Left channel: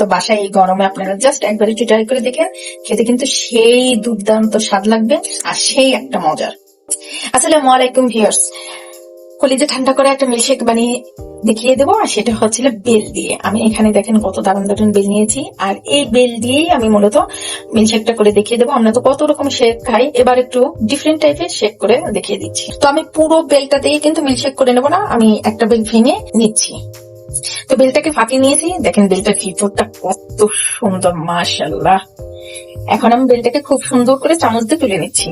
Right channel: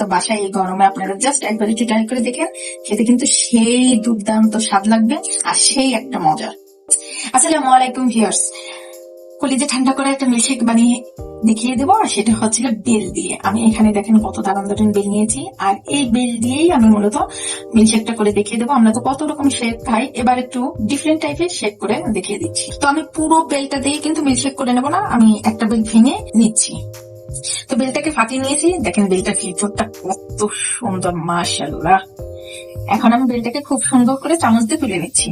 তো বাসায় এই গরমে আপনারা জাস্ট একবার একটু ট্রাই করে দেখেন, খেতে কিন্তু সেই দুর্দান্ত স্বাদ লাগবে আর সেই একটা মজার। আসসালামু আলাইকুম ভিউয়ার্স, কলিজা ঠান্ডা করে একটা মিল্কশেক বানিয়ে দেখিয়ে দেবো, আর সেটা হচ্ছিল বেল দিয়ে। আমি এখানে দেখেন কত দারুণ দারুণ বেল নিয়েছি, আর এই বেল দিয়েই আমি মূলত মিল্কশেকটা করে দেখিয়ে দেবো। আমরা তো কত রকম শেক খাই, এবার একটু ডিফারেন্ট টাইপের শেক করে দেখিয়ে দিচ্ছি। তো আমি পুরো বেলটা দিয়ে কিন্তু মিল্কশেক করে নেবো না, আমি একটা বেল ভেঙে নিচ্ছি। তো বেলটাকে ফাটিয়ে নিয়েছি, দেখেন বেলটার ভিতরটা কত সুন্দর, মাশাআল্লাহ। এখন আমি বেলটাকে খুব সুন্দর করে চামচ দিয়ে তুলে নিচ্ছি।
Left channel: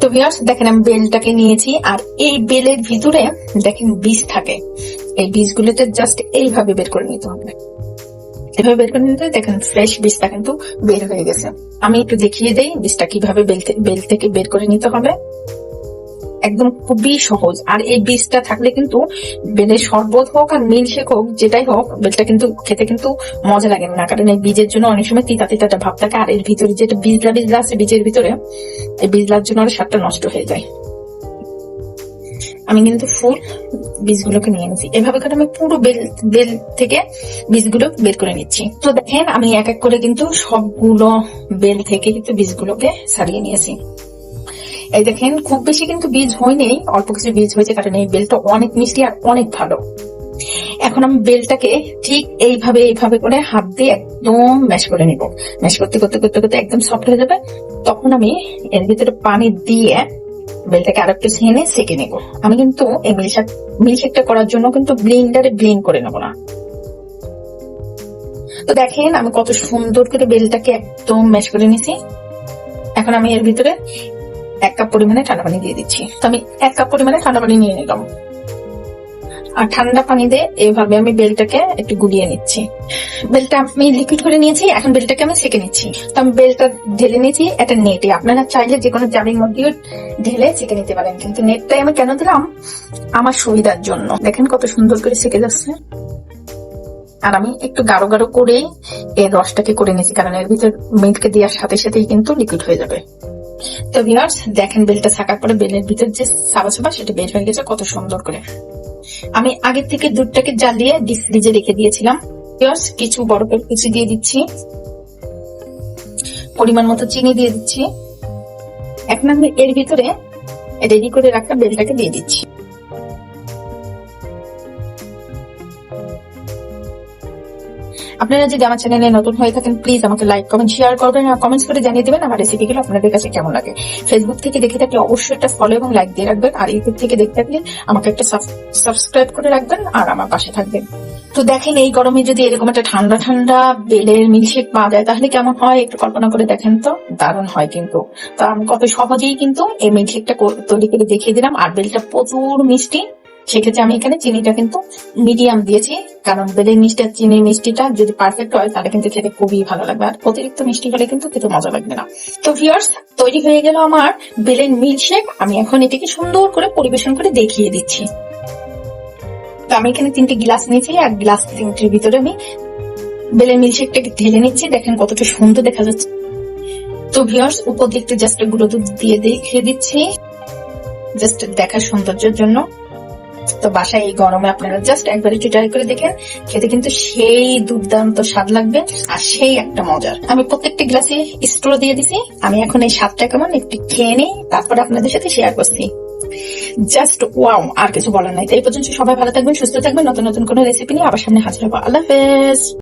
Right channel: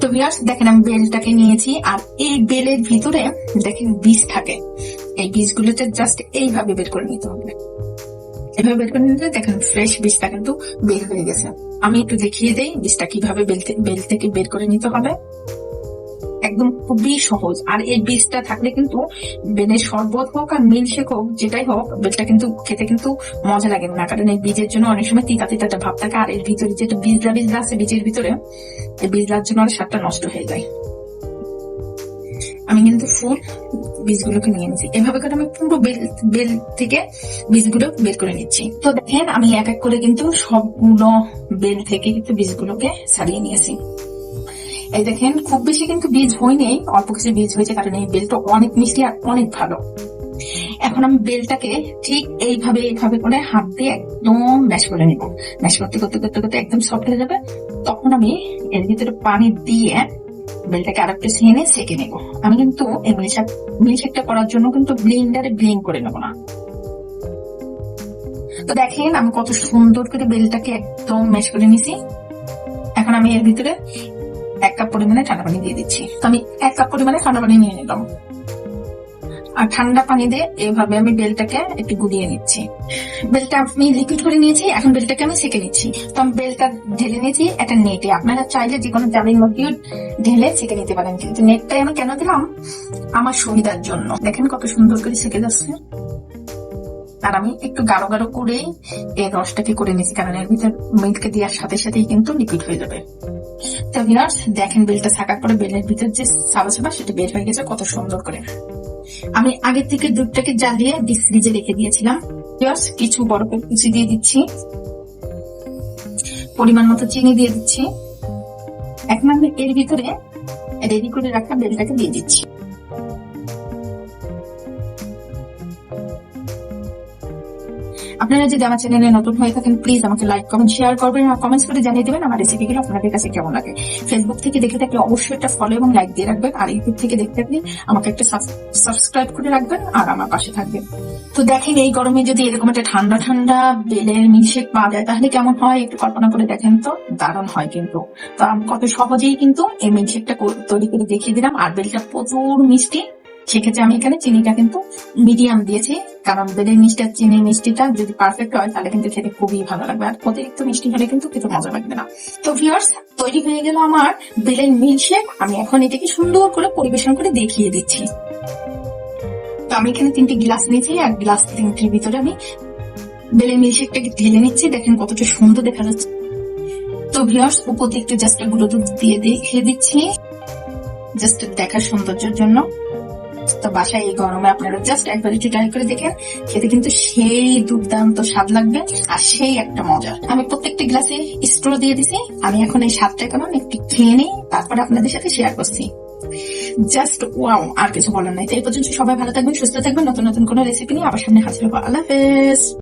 তো ভিউয়ার্স দেখেন আমি বেলটাকে নিয়েছি, আর এই বেলের ভিতরে দেখেন বীজ থাকে, এই বীজগুলোতে জাস্ট এইভাবে বের করে নিতে হবে। এভাবে বের করে নিতে দেখেন ফ্রেশ বীজটা কিন্তু বের হয়ে গেছে। আমি একটু দেখিয়ে দেই বীজটা কিভাবে বেল থেকে বের করে নিতে হবে। একদম খুবই সহজ, আর এই বীজটা থাকলে কিন্তু বেলের শরবত হোক আর মিল্কশেক হোক যেটাই হোক, বেলটা কিন্তু খেতে কিন্তু মজা লাগে না, কারণ এই বীজের জন্য অনেক সময় তিতা তিতা ভাব থাকে, আর এর ভিতরে যেটা বিজলা আছে বীজের ভিতরে, এই বিজলার জন্য স্বাদটা নষ্ট হয়ে যায়। আমি কিন্তু ফুল বীজগুলোকে নিয়ে নিচ্ছি, এভাবে করে আমি পুরো বেল থেকে বীজগুলো বের করে নিচ্ছি। তো দেখেন আমি এক এক করে কিন্তু সবগুলো বেল থেকে কিন্তু বীজগুলোকে ছাড়িয়ে নিয়েছি। এই দেখেন খুব বেশি কিন্তু বীজ হয়নি, অল্প কিছু বীজ হয়েছে, কারণ এই বেলটা অনেক মিষ্টি আর অনেক ভালো। এখন আমি বেলটাকে ঠিক এইভাবে করে হাত দিয়ে একদম ম্যাশ করে নিব। ম্যাশ করতে করতে করতে করতে একদম সফট হয়ে যাবে, তখন আমি এর ভিতরে পানি দিয়ে বেলটাকে আর একটু সেকে নেব। আমি কিন্তু এই মিল্কশেকটা করার জন্য কিন্তু ব্লেন্ডারে ব্লেন্ড করে নেবো না। তো দেখেন আমি কত সুন্দর করে বেলটাকে একদম ম্যাশ করে নিছি। এখন আমি এর ভিতরে 1 কাপ পরিমাণে ঠান্ডা পানি দিয়ে দিচ্ছি। তো আমি 1 কাপ পরিমাণে ঠান্ডা পানি নিয়ে নিলাম, আর ঠান্ডা পানি দিয়ে এইভাবে আমি বেলটাকে একটু গুলিয়ে নিচ্ছি। বেলটা আমি লিকুইড করে নিয়েছি, এখন বেলটাকে আমি সেকে নিচ্ছি। তো আমি বেলটা ঢেলে নিয়েছি একটা নেটে, আপনারা চাইলে যে কোনো জামির মধ্যেও ঢেলে সেকে নিতে পারেন, কিন্তু নেটটাই আমি কেন দিলাম, আমার সুবিধার জন্য। দেখেন কত সুন্দর করে সেকে যাচ্ছে, আর আমি একটু গাঢ় গাঢ় করেই এর রসটাকে করে নিয়েছি, কারণ এর ভিতর মিল্ক দেওয়ার সাথে সাথেই কিন্তু লিকুইড হয়ে যাবে। তো ভিউয়ার্স দেখেন বেলটা ছাকার পরে বেলের ভিতর যে সাবা সেটা বের হয়ে গেছে কত সুন্দর করে। আমি আগে থেকে দুধটাকে জ্বালিয়ে ডিপ ফ্রিজে রেখে দিয়েছিলাম। ভিউয়ার্স কিছু বরফের কুচি দিয়ে দিচ্ছি, পরিমাণ মতো চিনি দিয়ে দিচ্ছি। এখন আমি এর ভিতরে রেডি করে রাখা বেলটাকে দিয়ে দিচ্ছি। আপনারা যদি আমার চ্যানেলে নতুন হয়ে থাকেন প্লিজ আমাকে লাইক কমেন্ট শেয়ার করবেন, আর কমেন্টস করে জানিয়ে দেবেন আমার রেসিপিগুলো আপনাদের কাছে কেমন লাগে। ফেসবুক থেকে দেখে থাকলে অবশ্যই একটা ফলো এবং লাইক দিয়ে রাখবেন, আর ইউটিউব থেকে দেখে থাকলে আমাকে একটা সাবস্ক্রাইব করে রাখবেন আর আমার পাশে থাকবেন। তো দেখেন এই গরমে যদি এরকম একটা ঠান্ডা ঠান্ডা বেলের মিল্কশেক পাওয়া যায় তাহলে কেমন হয়, একটু কল্পনা করে দেখেন তো, দারুণ হয় কিন্তু। তো আমি কত সহজেই কিন্তু এই মিল্কশেকটা তৈরি করে দেখিয়ে দিলাম, আর বেলটা প্রচুর মিষ্টি। সেক্ষেত্রে আমি এখানে চিনিটা কিন্তু মিডিয়াম দিয়েছি, কারণ বেলের চিনির মিষ্টিটা যদি পারফেক্ট হয় তাহলে কিন্তু খেতে খুবই ভালো লাগবে, আর অতিরিক্ত মিষ্টি হলে কিন্তু খেতে মজা লাগবে না। তো ভিউয়ার্স তৈরি হয়ে গেল আমার বেলের মিল্কশেক। আমি এখন এটাকে সুন্দর করে পরিবেশন করে দেখিয়ে দিচ্ছি। তো আমি এখানে 3টে গ্লাস নিয়েছি, আর গ্লাস 3টির ভিতরে আমি বেলের মিল্কশেকটাকে ঢেলে নিচ্ছি। দেখেন কতটা সুন্দর দেখা যাচ্ছে। তো ভিউয়ার্স উপর দিকটা জাস্ট গুঁড়ো দুধ দিয়ে দেখিয়ে দিচ্ছি, জাস্ট দেখার সৌন্দর্যের জন্য। তো বাসায় এই গরমে আপনারা জাস্ট একবার একটু ট্রাই করে দেখেন, খেতে কিন্তু সেই দুর্দান্ত স্বাদ লাগবে আর সেই একটা মজার। আমি প্রত্যেকটা গ্লাসে স্ট্র দিয়ে দিছি। আমি এখন এই স্বাদটা কেমন একটু খেয়ে নিই, তারপরে আপনাদের সাথে শেয়ার করছি। জাস্ট ওয়াও, আর কিছু বলার নাই। তো এই পর্যন্ত সবাই ভালো থাকবেন, সুস্থ থাকবেন, নতুন নতুন কোনো রেসিপি নিয়ে আবার সামনে হাজির হবো। আল্লাহ হাফেজ।